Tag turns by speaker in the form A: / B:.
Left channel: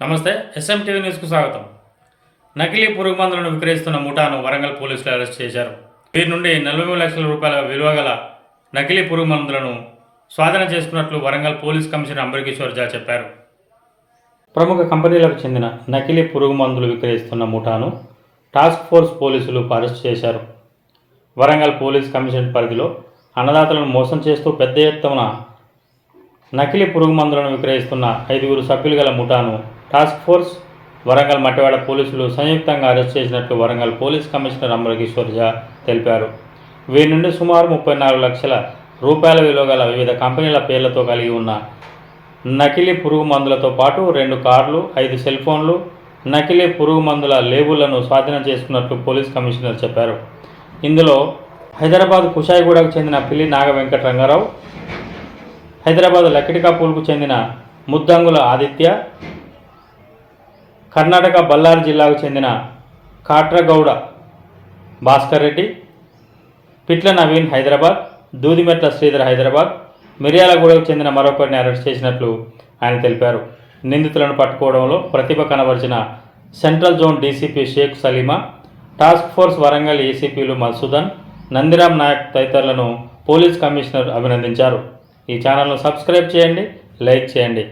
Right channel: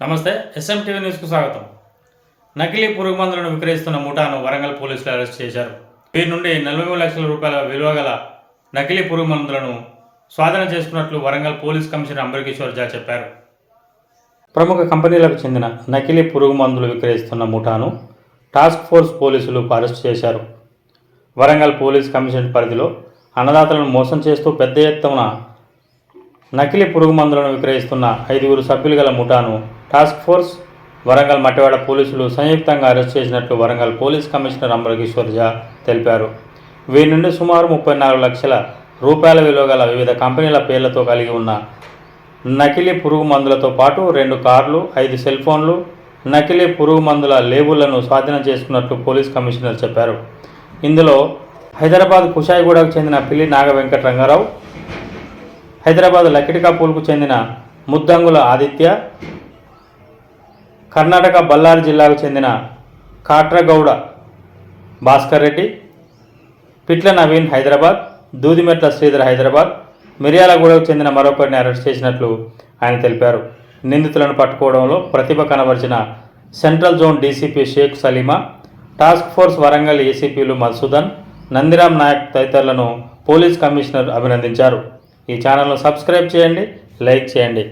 A: నమస్తే S M TV న్యూస్కు స్వాగతం. నకిలీ పురుగు మందులను విక్రయిస్తున్న ముఠాను వరంగల్ పోలీసులు అరెస్ట్ చేశారు. వీరి నుండి నలభై మూడు లక్షల రూపాయల విలువ గల నకిలీ పురుగు మందులను స్వాధీనం చేసుకున్నట్లు వరంగల్ పోలీస్ కమిషనర్ అంబరకిషోర్ జా చెప్పారు. ప్రముఖ కంపెనీలకు చెందిన నకిలీ పురుగు మందులు విక్రయిస్తున్న ముఠాను టాస్క్ ఫోర్స్ పోలీసులు అరెస్ట్ చేశారు. వరంగల్ పోలీస్ కమిషన్ పరిధిలో అన్నదాతలను మోసం చేస్తూ పెద్ద ఎత్తున నకిలీ పురుగు మందులను విక్రయిస్తున్న ఐదుగురు సభ్యులు గల ముఠాను టాస్క్ ఫోర్స్ వరంగల్ మట్టివాడ పోలీసులు సంయుక్తంగా అరెస్ట్ చేసినట్లు వరంగల్ పోలీస్ కమిషనర్ అమరకిషోర్ జా తెలిపారు. వీరి నుండి సుమారు ముప్పై నాలుగు లక్షల రూపాయల విలువ గల వివిధ కంపెనీల పేర్లతో కలిగి ఉన్న నకిలీ పురుగు మందులతో పాటు రెండు కార్లు ఐదు సెల్ ఫోన్లు నకిలీ పురుగు మందుల లేబుళ్ళను స్వాధీనం చేసుకున్నట్లు పోలీస్ కమిషనర్ చెప్పారు. ఇందులో హైదరాబాద్ కుషాయిగూడకు చెందిన పిల్లి నాగ వెంకట రంగారావు హైదరాబాద్ లక్కిడికాపూల్కు చెందిన ముద్దంగుల ఆదిత్య కర్ణాటక బళ్ళారి జిల్లాకు చెందిన కాట్రగౌడ భాస్కర్ రెడ్డి పిట్ల నవీన్ హైదరాబాద్ దూదిమెట్ల శ్రీధర్ హైదరాబాద్ మిర్యాలగూడకు చెందిన మరొకరిని అరెస్ట్ చేసినట్లు ఆయన తెలిపారు. నిందితులను పట్టుకోవడంలో ప్రతిభ కనబరిచిన central zone DCP Sheikh Saleema task force Warangal ఏసీపీలు Madhusudan Nandiram Naik తదితరులను పోలీస్ కమిషనర్ అభినందించారు. ఈ ఛానల్ను సబ్స్క్రైబ్ చేయండి లైక్ చేయండి.